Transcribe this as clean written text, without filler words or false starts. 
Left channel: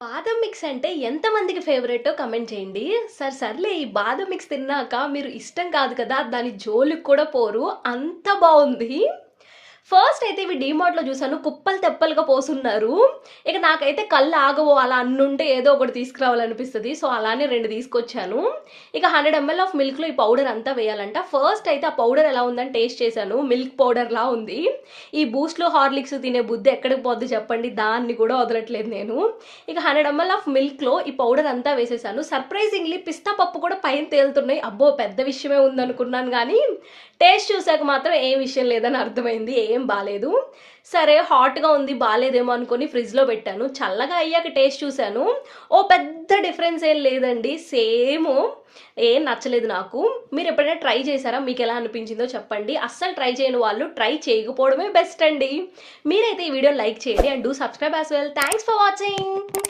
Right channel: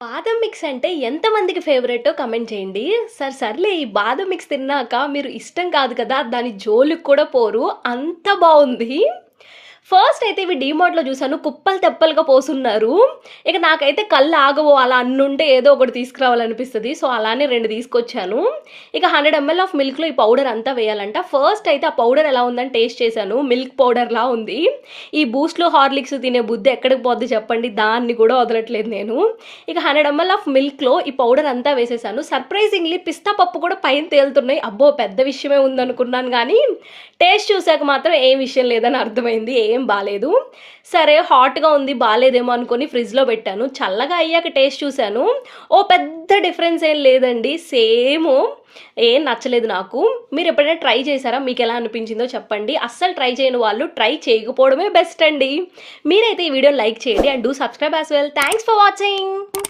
బాదం మిక్స్ అంటే ఎంతమందికి ఫేవరెటో కమెంట్ చేయండి. సర్లే ఈ బాదం మిక్స్ తిన్నాక మీరు ఇష్టం కాదు కదా! దాని జోలికి కూడా పోరు. అంత బావుంది. ఫస్ట్ అయితే ఇవి డీమార్ట్‌లో చూసాను. కుప్పలు తెప్పలుగా పోసున్నారు. ఇక నాకైతే కళ్ళు ఆగవు. అలా అన్నుంటే ఏదో ఒకటి తీసుకురావాలనిపిస్తది. సో, అలానే 2 తీసుకొచ్చాను. ఇక 100 ఎంఎల్ ఆఫ్ మిల్క్‌లో ఈ పౌడర్ అంతా వేయాలంట. ఫస్ట్ అయితే ఆ పౌడర్ ఎలా ఉందని టేస్ట్ చేశాను. మిల్క్ పౌడర్‌లా ఉంది. ఈ బూస్ట్‌లు, హార్లిక్స్ తినే బుద్ధి ఎక్కడికి పోద్ది చెప్పండి. దాన్ని కూడా వదలట్లేదు నేను. ఇక 100 ఎంఎల్ ఆఫ్ మిల్క్‌లో ఈ పౌడర్ అంతా వేసేసాను. సర్ప్రైజింగ్‌లీ పిస్తా పప్పు కూడా పైన తేలుతున్నాయి. అబ్బో! పెద్ద విషయమే ఉందనుకున్నాను గానీ, టేస్ట్ చూసాక మాత్రం ఏం విషయం లేదని అర్థమైంది. ఏం బాలేదు. సరే హాట్‌గా ఉంది బాలేదేమో అనుకోని ఫ్రిడ్జ్‌లో పెట్టాను. చల్లగా అయ్యాక టేస్ట్ చూసాను. ఓ పెద్ద డిఫరెన్స్ ఏం లేదండి. సేము. ఏం నచ్చలేదు నాకు. మీరెప్పుడైనా ట్రై చేశారా? మీకెలా అనిపించిందో చెప్పండి. అస్సలు ట్రై చేయని వాళ్ళు ట్రై చేయకపోవడమే బెస్ట్ అండి. మీరైతే ఈ వీడియోని లైక్ చేయండి and do subscribe as well. Thanks for watching.